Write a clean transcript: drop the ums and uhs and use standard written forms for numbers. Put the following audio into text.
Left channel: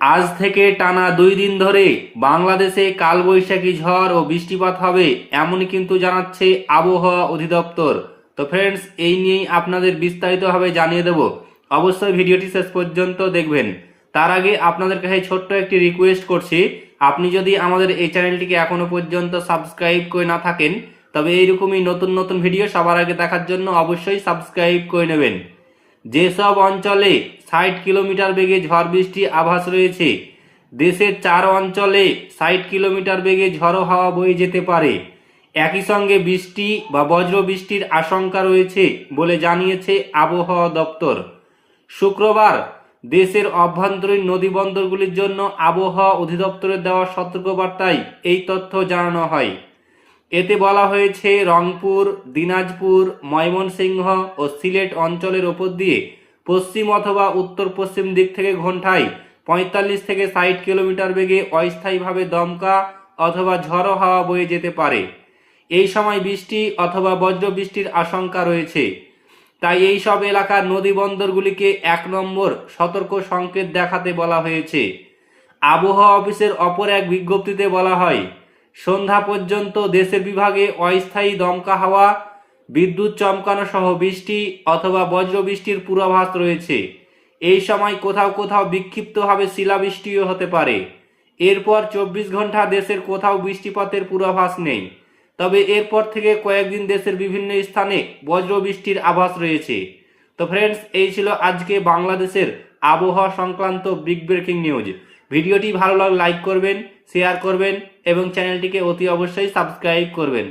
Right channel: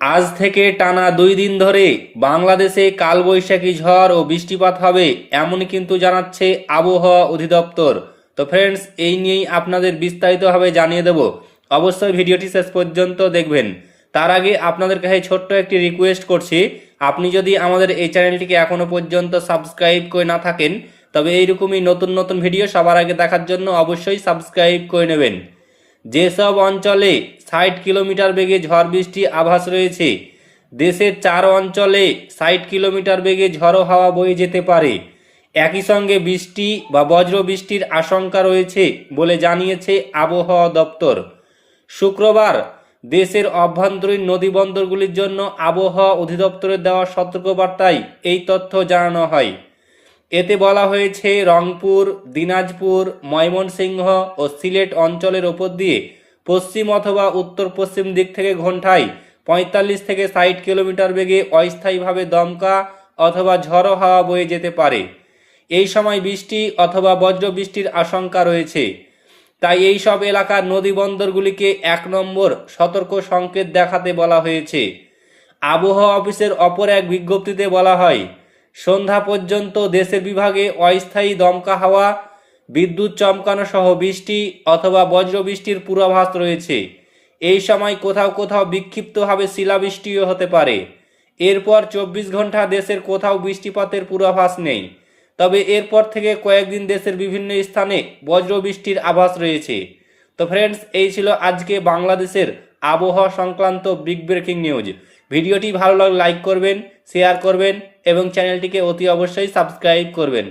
আজ থেকে টানা 2 দিন ধরে বাংলাদেশে কালবৈশাখী ঝড় ও বৃষ্টিপাত হবে এমনই কিন্তু জানাচ্ছে আবহাওয়া অধিদপ্তর। তো ফ্রেন্ডস, এই নিয়েই আপনাদের বিস্তারিতভাবে জানিয়ে দেব। অবশ্যই ভিডিওটি শেষ পর্যন্ত দেখবেন। তার আগে আপনাদের কাছে ছোট্ট একটি রিকোয়েস্ট করছি, আপনি যদি আমাদের এই চ্যানেলটিকে এখনো পর্যন্ত সাবস্ক্রাইব করে না থাকেন, তবে এইরকমই নতুন নতুন ভিডিও সবার আগে দেখার জন্য অবশ্যই সাবস্ক্রাইব করে নেবেন। যেসব অঞ্চলে 60 কিলোমিটার বেগে ঝড় বৃষ্টি আভাস রয়েছে, দেশের 4 অঞ্চলে 60 কিলোমিটার বেগে ঝড়ো হাওয়া বয়ে যেতে পারে। একই সঙ্গে বৃষ্টি বা বজ্র বৃষ্টির আশঙ্কা রয়েছে বলে জানিয়েছে আবহাওয়া দপ্তর। শুক্রবার দেশের অভ্যন্তরীণ নদীবন্দরগুলির জন্য আবহাওয়া অধিদপ্তরের দেওয়া সতর্কবার্তায় এই তথ্য জানানো হয়। এতে বলা হয়েছে, রংপুর, দিনাজপুর, ময়মনসিংহ ও সিলেট অঞ্চলের ওপর দিয়ে পশ্চিম অথবা উত্তর পশ্চিম দিক থেকে ঘন্টায় 45 থেকে 60 কিলোমিটার বেগে অস্থায়ীভাবে দমকা অথবা ঝড়ো হাওয়া বয়ে যেতে পারে। এই সময় বৃষ্টি অথবা বজ্র বৃষ্টির আশঙ্কা রয়েছে। তাই এই সব এলাকার নদী বন্দরগুলিকে 1 নম্বর সতর্ক সংকেত দেখাতে বলা হয়েছে। আবহাওয়া অফিসের অপর এক বিজ্ঞপ্তিতে বলা হয়, সন্ধ্যা পর্যন্ত দেশের বিভাগে অস্থায়ী দমকা হাওয়া, বিদ্যুৎ চমকানো সহ বৃষ্টি অথবা বজ্র বৃষ্টির পূর্বাভাস রয়েছে। এই সময় কোথাও কোথাও বিক্ষিপ্তভাবে শিলাবৃষ্টিও হতে পারে। এরপর 24 ঘন্টা দেশের কোথাও বৃষ্টিপাতের পূর্বাভাস নেই। তবে এরপর থেকে কয়েকদিন দেশের বিভিন্ন স্থানে বজ্র বৃষ্টির আভাস রয়েছে। তো ফ্রেন্ডস, এই ছিল আজকে বাংলাদেশের আবহাওয়া সংক্রান্ত বিগ ব্রেকিং নিউজ। ভিডিওটি ভালো লাগলে লাইক করবেন, শেয়ার করবেন এবং চ্যানেলটিকে অতি অবশ্যই সাবস্ক্রাইব করবেন।